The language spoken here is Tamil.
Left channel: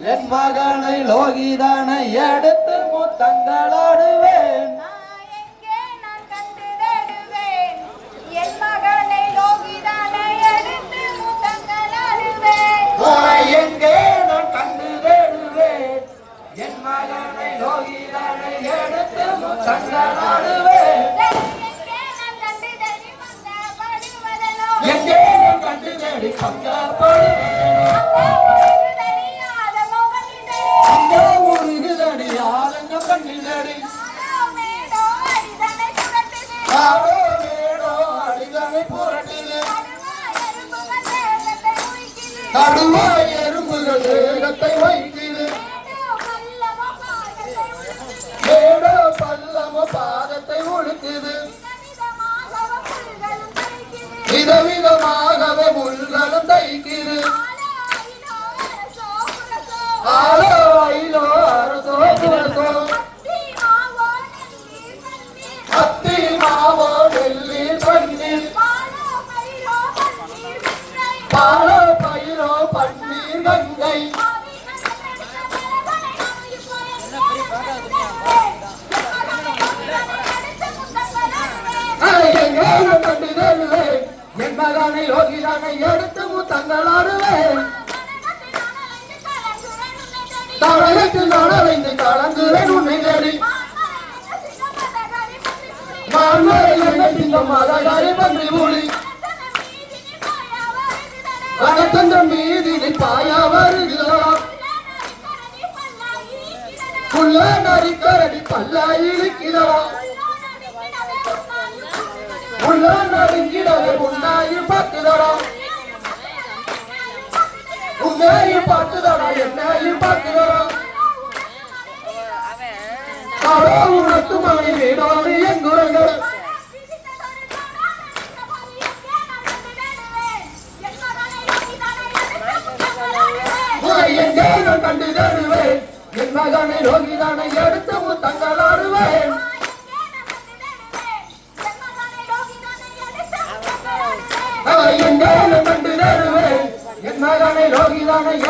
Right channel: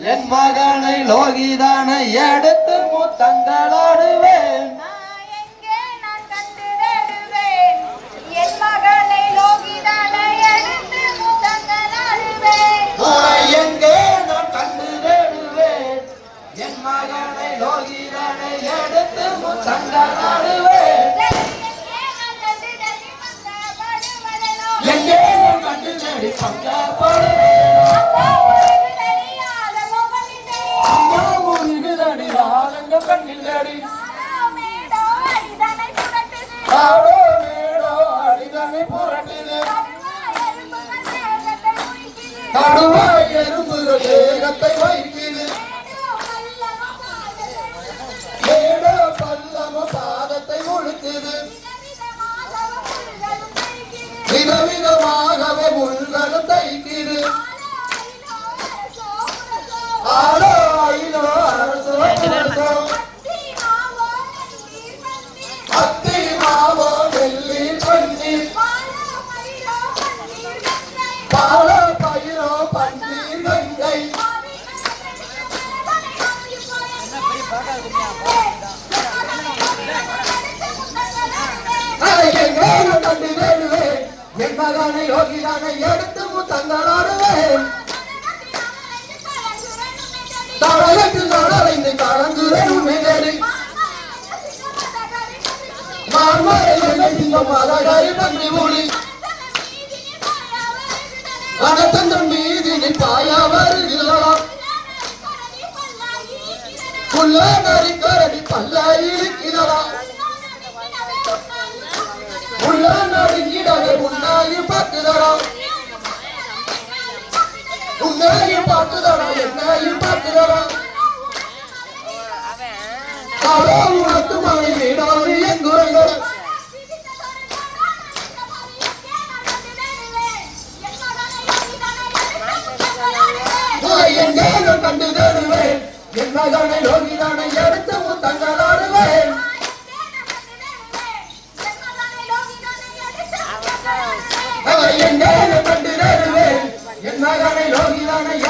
என் மகனை லோகிதானை எடுத்து முத்தங்களாடுவேன். நான் எங்கே நான் கண்டு தேடுவேன் என் மகனை லோகிதானை எடுத்து முத்தங்களாடுவேன். எங்கே நான் கண்டு தேடி வந்த உரிக்குது கடுவா எறும்புகள் ஏகத்தை வைக்குது ஏடோ பல்லவ பாதத்தை முழுக்குது விதவிதமாக முள்களும் தைக்குது. ஆலோ ஐலோ அரசோ அரசோ. கண்டு தேடுவேன் என் மகனை யோகிதானை எடுத்து முத்தங்களாடுவேன் தலையத்து நடலைந்து கலங்குறேன் உன்னை தேடி. மாமரை சிங்க மதகரி பன்றி மொழி மீதினை புள்ள மகனை யோகிதானை எடுத்து தங்க எங்கே நான்